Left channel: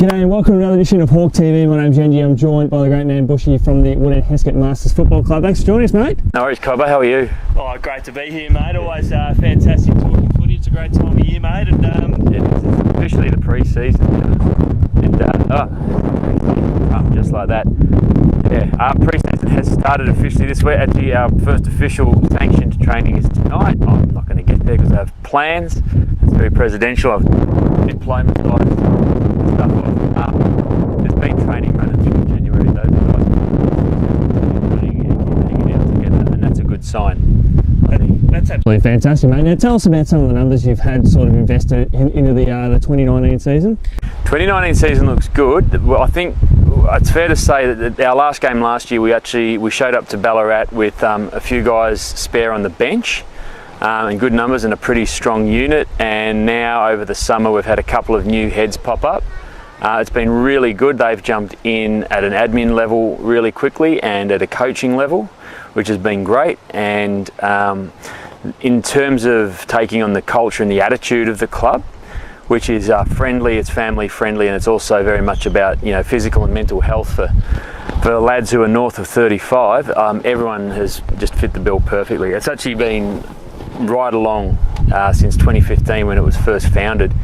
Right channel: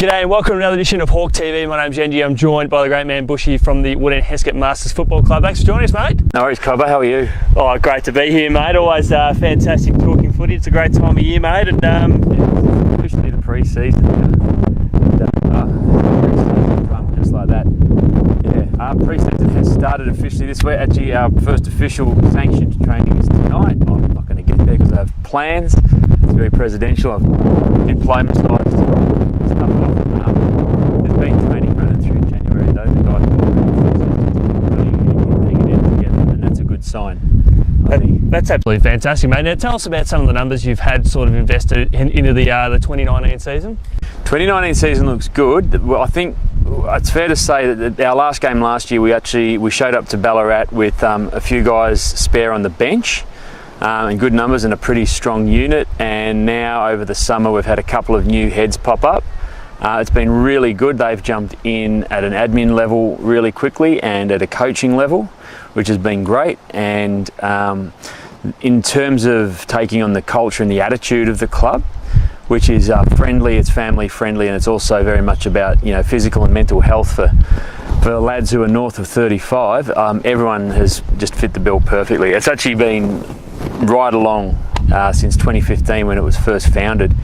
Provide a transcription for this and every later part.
G'day and welcome to another edition of Hawk TV. My name's Genji. I'm joined by the great man Bushy from the Wood End Hesket Masters Football Club. Thanks for joining us, mate. No worries, Cobbo. How are you? Oh, great to be here, mate. Always fantastic talking footy. It's a great time of year, mate. And it's officially the pre-season now. Just like that. Yeah, our pre-season has started officially this week. Actually, our first official sanctioned training is tonight. I'm not going to get there because I have plans. It's very presidential. I've employment side stuff off. There's been training running through January though. The guys really hanging out together, and that's a good sign. That's absolutely fantastic, mate. Now tell us about some of the numbers you've had sort of invested into the 2019 season. 2019 season looks good. Well, I think it's fair to say that our last game last year, we showed up to Ballarat with a few guys spare on the bench. And good numbers and a pretty strong unit, and now over the summer we've had a couple of new heads pop up. It's been really good. They've jumped in at an admin level really quickly and at a coaching level, which has been great. And in terms of taking on the culture and the attitude of the club, which is friendly, it's family friendly, and it's also very much about physical and mental health for lads who are north of 35. Everyone has just fit the bill perfectly. It's actually been right along since 2015 when it was first founded.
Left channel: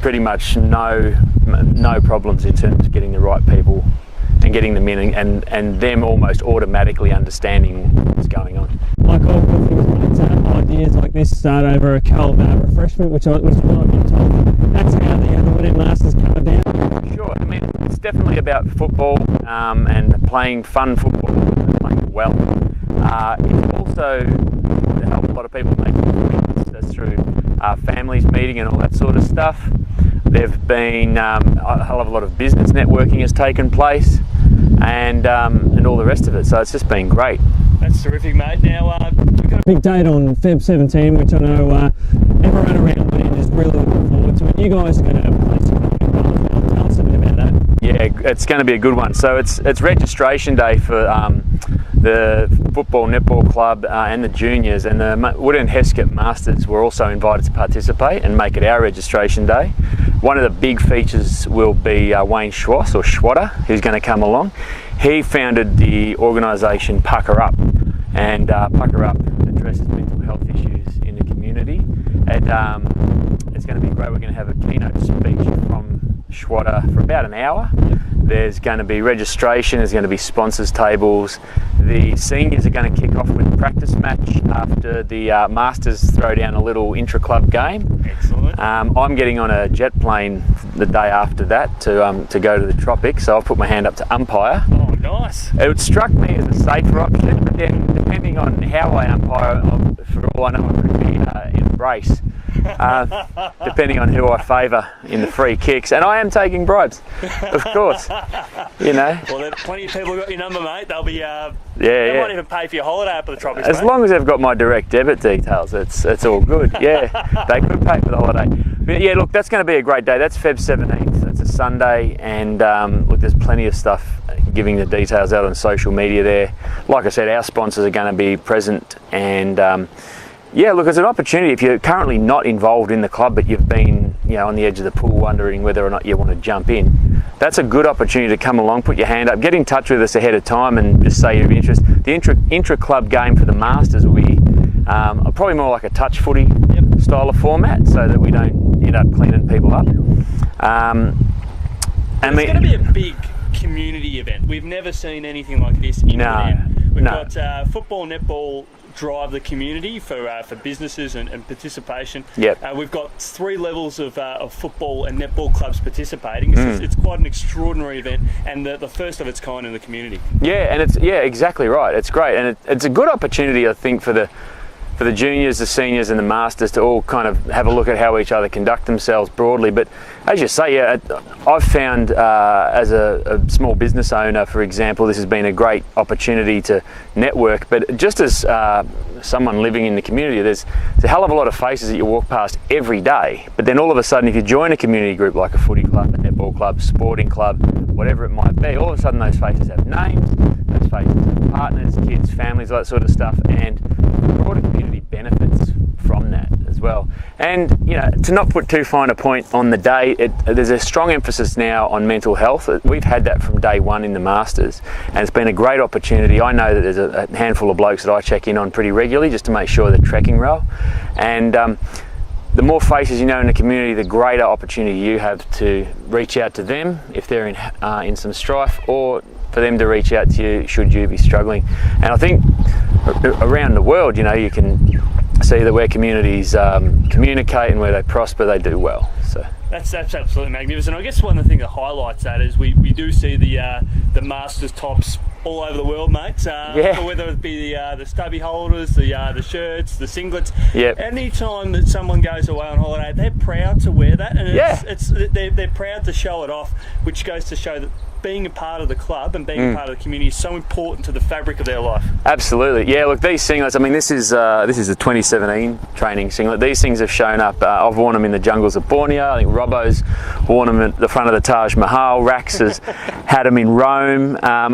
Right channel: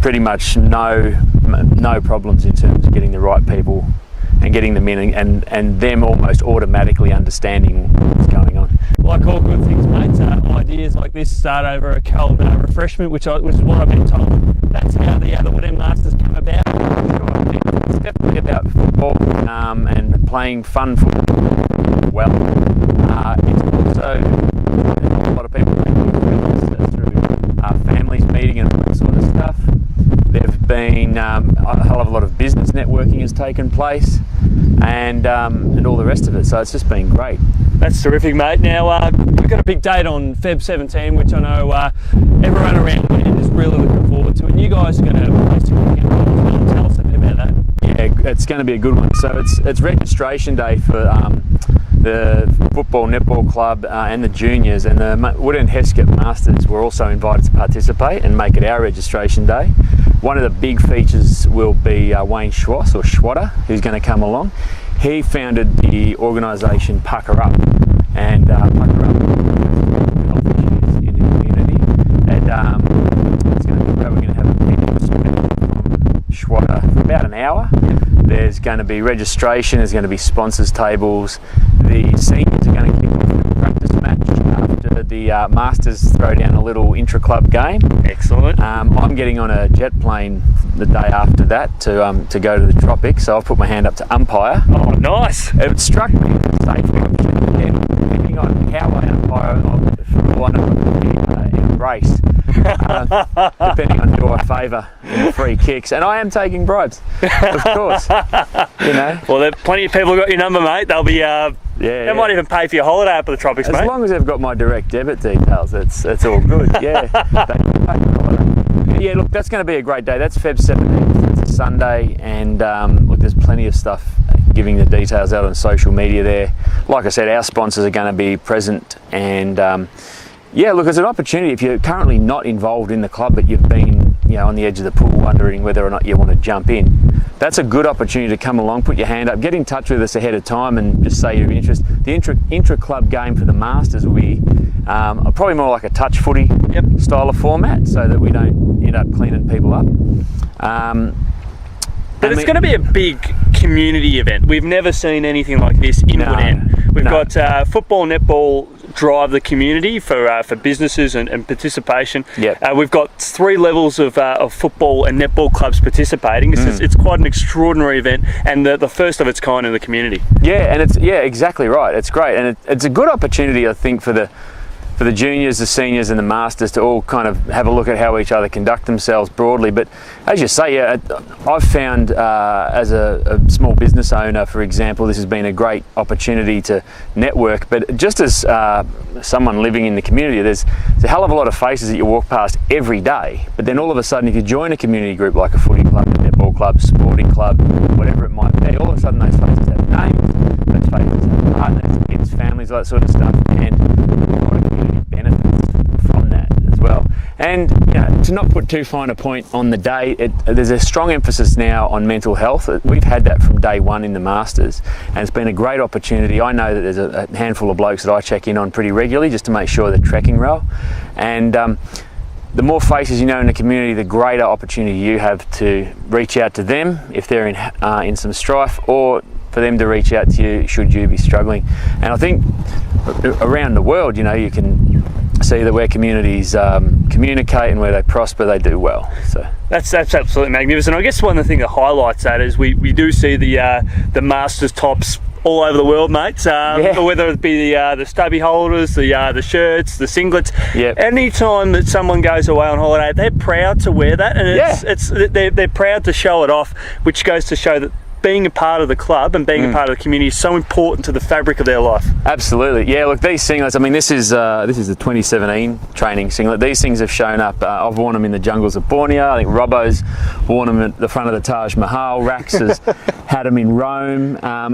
Pretty much no problems in terms of getting the right people and getting them in and them almost automatically understanding what's going on. Like all good things, mate, ideas like this start over a cold refreshment, which is what I've been told. That's how the Wood End Masters come about. Sure, I mean, it's definitely about football and playing fun football well. It's also a lot of people making friends through families meeting and all that sort of stuff. There've been a hell of a lot of business networking has taken place, and all the rest of it. So it's just been great. That's terrific, mate. Now we've got a big date on Feb 17, which I know everyone around Wood End is really looking forward to. And you guys are going to have a place to kick in as well. Tell us a bit about that. Yeah, it's going to be a good one. So it's registration day for the football netball club and the juniors, and the Wood End Hesket Masters were also invited to participate and make it our registration day. One of the big features will be Wayne Schwatter, who's going to come along. He founded the organisation Pucker Up, and Pucker Up addresses mental health issues in the community. And it's going to be great. We're going to have a keynote speech from Schwatter for about an hour. There's going to be registration, there's going to be sponsors tables. The seniors are going to kick off with a practice match after the Masters Throwdown a little intra-club game. Excellent. I'm getting on a jet plane the day after that to go to the tropics, so I've put my hand up to umpire. Oh, nice. It struck me as a safer option, but then depending on how I umpire, for all I know, I'm going to be in a brace. Depending on who I favour in the free kicks, and I am taking bribes, of course. Well, there's plenty of people got your number, mate. They'll be they might even pay for your holiday up at the tropics, as mate. long as they've got my direct debit details, it's all good. Yeah, they could pay for the holiday. But yeah, look, that's going to be a great day. That's Feb 17th. It's a Sunday, and look, there's plenty of stuff giving the details out on social media there. Like I said, our sponsors are going to be present, and yeah, look, it's an opportunity. If you're currently not involved in the club, but you've been, on the edge of the pool wondering whether or not you want to jump in, that's a good opportunity to come along, put your hand up, get in touch with us ahead of time and just say you're interested. The intra-club game for the Masters will be probably more like a touch footy style of format, so that we don't end up cleaning people up. But it's going to be a big community event. We've never seen anything like this in Wood End. We've got football, netball, drive the community for businesses and participation. Yep. We've got 3 levels of football and netball clubs participating. It's quite an extraordinary event, and the first of its kind in the community. Yeah, and exactly right. It's great, and it's a good opportunity, I think, for the juniors, the seniors and the masters to all kind of have a look at how each other conduct themselves broadly. But as you say, I've found as a small business owner, for example, this has been a great opportunity to network. But just as someone living in the community, there's a hell of a lot of faces that you walk past every day. But then all of a sudden, if you join a community group like a footy club, a netball club, sporting club, whatever it might be, all of a sudden those faces have names, those faces have partners, kids, families, all that sort of stuff. And the broader community benefits from that as well. And to not put too fine a point on the day, there's a strong emphasis now on mental health. We've had that from day one in the Masters, and it's been a great opportunity. I know that there's a handful of blokes that I check in on pretty regularly just to make sure they're trekking well. And the more faces you know in the community, the greater opportunity you have to reach out to them if they're in some strife, or for them to reach out to you should you be struggling. And I think around the world, you can see that where communities communicate and where they prosper, they do well. So that's absolutely magnificent. I guess one of the things that highlights that is we do see the Masters tops all over the world, mates. Whether it be the stubby holders, the shirts, the singlets. Yep. Anytime that someone goes away on holiday, they're proud to wear that, and they're proud to show it off, which goes to show that being a part of the club and being a part of the community is so important to the fabric of their life. Absolutely, yeah. Look, these singlets. I mean, this is a 2017 training singlet. These things have shown up. I've worn them in the jungles of Borneo. I think Robbo's worn them at the front of the Taj Mahal. Rax has had them in Rome. I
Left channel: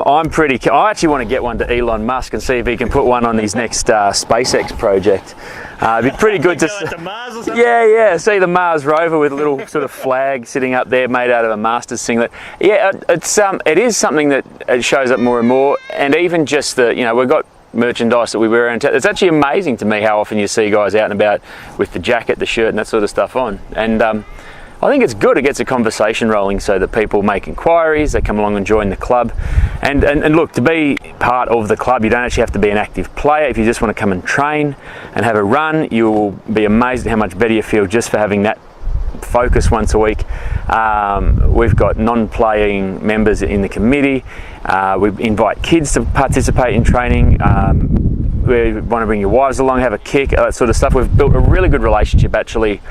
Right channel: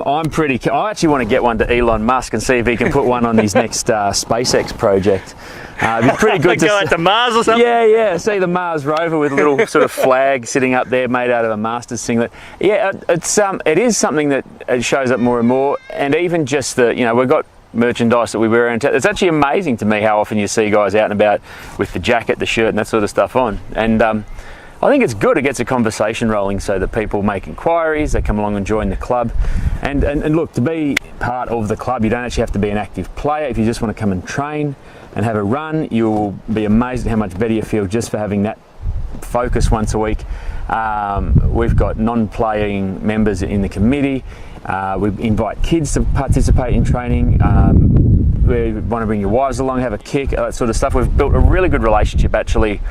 actually want to get one to Elon Musk and see if he can put one on his next SpaceX project. It'd be pretty good to go to Mars or something. Yeah. See the Mars rover with a little sort of flag sitting up there, made out of a Masters singlet. Yeah, it is something that it shows up more and more. And even just we've got merchandise that we wear around town. It's actually amazing to me how often you see guys out and about with the jacket, the shirt, and that sort of stuff on. And I think it's good. It gets a conversation rolling so that people make inquiries, they come along and join the club. And look, to be part of the club, you don't actually have to be an active player. If you just want to come and train and have a run, you'll be amazed at how much better you feel just for having that focus once a week. We've got non-playing members in the committee. We invite kids to participate in training. We want to bring your wives along, have a kick, that sort of stuff. We've built a really good relationship actually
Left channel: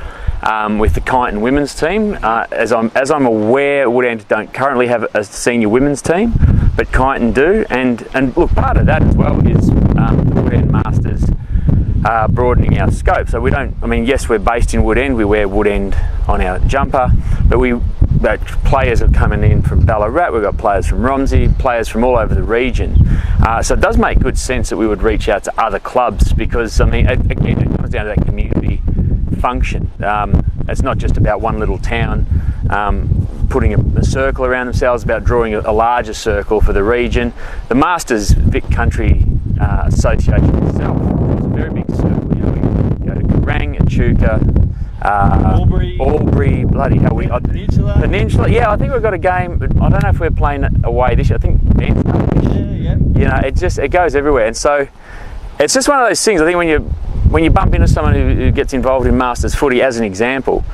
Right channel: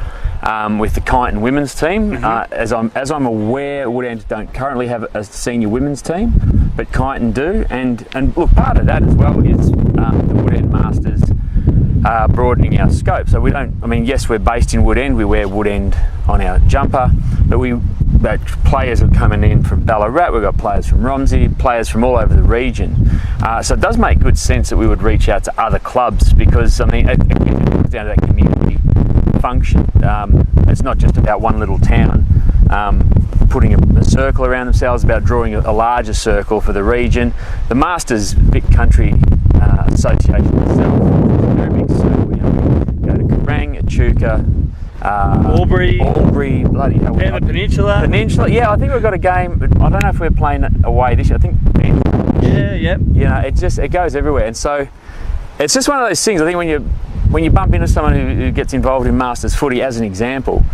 with the Kyneton women's team. As I'm aware, Woodend don't currently have a senior women's team, but Kyneton do. And look, part of that as well is the Woodend Masters broadening our scope. So yes, we're based in Woodend. We wear Woodend on our jumper, but players are coming in from Ballarat. We've got players from Romsey, players from all over the region. So it does make good sense that we would reach out to other clubs because, again, it comes down to that community function. It's not just about one little town putting a circle around themselves, about drawing a larger circle for the region. The Masters Vic Country Association itself is a very big circle. We go to Kerrang, Echuca, Albury, bloody hell. Peninsula. Yeah, I think we've got a game, but I don't know if we're playing away this year. I think it goes everywhere. And so it's just one of those things. I think when you bump into someone who gets involved in Masters footy, as an example,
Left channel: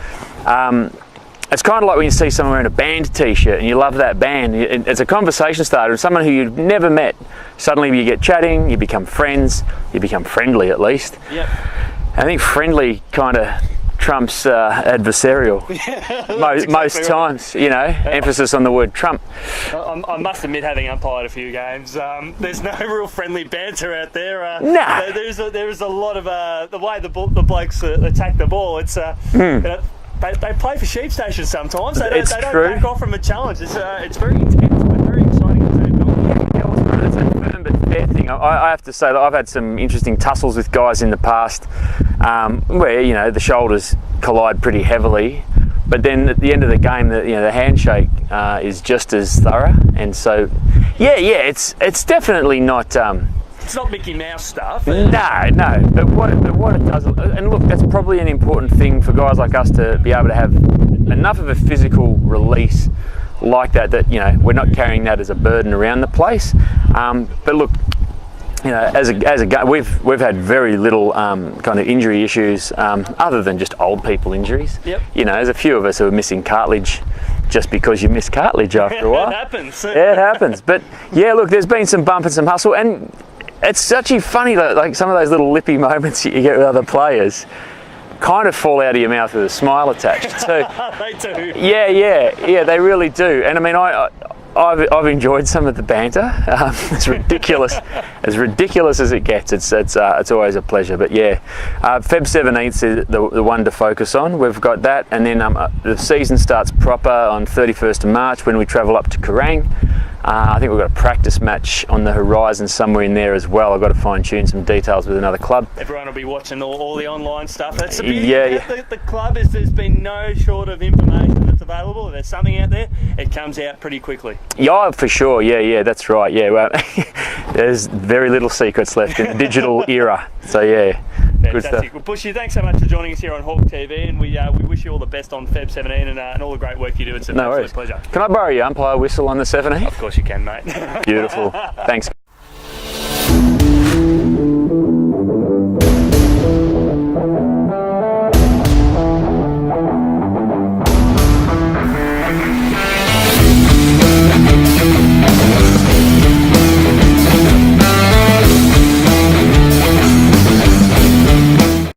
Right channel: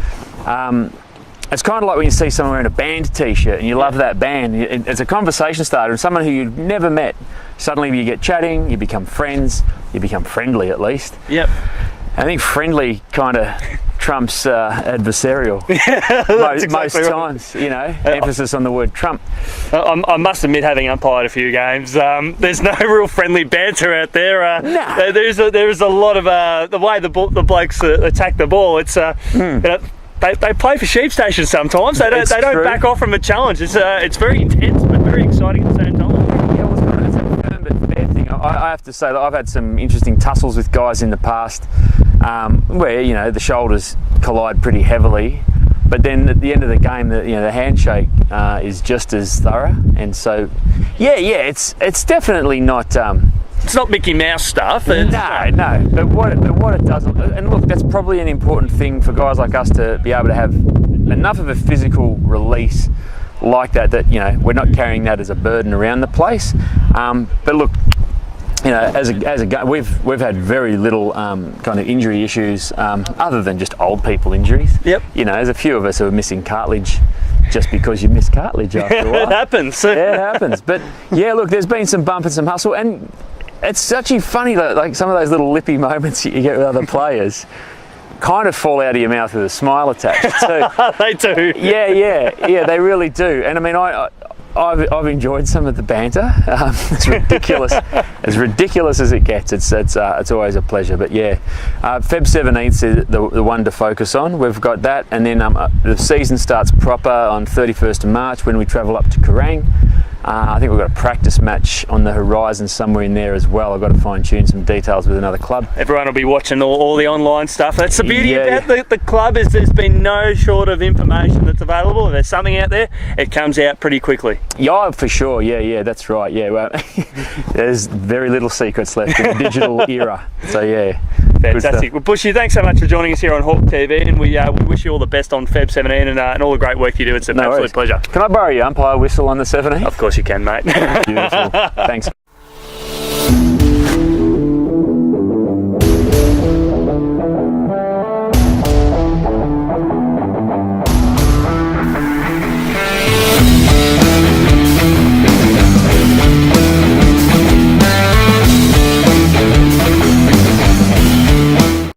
it's kind of like when you see someone wearing a band t-shirt and you love that band. It's a conversation starter, and someone who you've never met, suddenly you get chatting, you become friends, you become friendly at least. Yep. I think friendly kind of trumps adversarial most times, emphasis on the word trump. I must admit, having umpired a few games, there's no real friendly banter out there. No. There's a lot of the way the blokes attack the ball. It's they play for sheep stations sometimes. They don't back off from a challenge. It's very intense but very exciting at the same time. Yeah, it's a firm but fair thing. I have to say that I've had some interesting tussles with guys in the past where the shoulders collide pretty heavily, but then at the end of the game, the handshake is just as thorough. And so, it's definitely not. It's not Mickey Mouse stuff. No. But what it does, and look, that's probably an important thing for guys like us to be able to have enough of a physical release like that we're not carrying that as a burden around the place. But look, as a we've had very little kind of injury issues other than just old people injuries. Yep. There's a few of us who are missing cartilage just because you miss cartilage after a while. It happens. Yeah, it happens. But yeah, look, there's been some bump and some hustle, and it's actually funny that like some of those little lippy moments that you get with other players kind of fall out of your mouth with a smile attached too. They do. Yeah, they really do. And I mean, I've enjoyed some of the banter. It's ridiculous, as ridiculous as it gets. It's always a pleasure. But yeah, Feb 17th is the one to focus on. We've got that, and then the season starts proper on 31st of March when we travel up to Kerrang. I think we've got a practice match on the horizon somewhere in there as well. I've got to fine-tune some details with another club. Everyone will be watching all the online stuff. That's the beauty about the club, is there's been no short of information that's available. If there's something out there, it comes out pretty quickly. Yeah, for sure. Yeah, that's right. Yeah, well, there's very little secrets left in the digital era. So yeah. Fantastic. Well, Bushy, thanks so much for joining us here on Hawk TV, and we wish you all the best on Feb 17 and all the great work you do. It's an absolute pleasure. Can I borrow your umpire whistle on the 17th? Of course you can, mate. Beautiful. Thanks.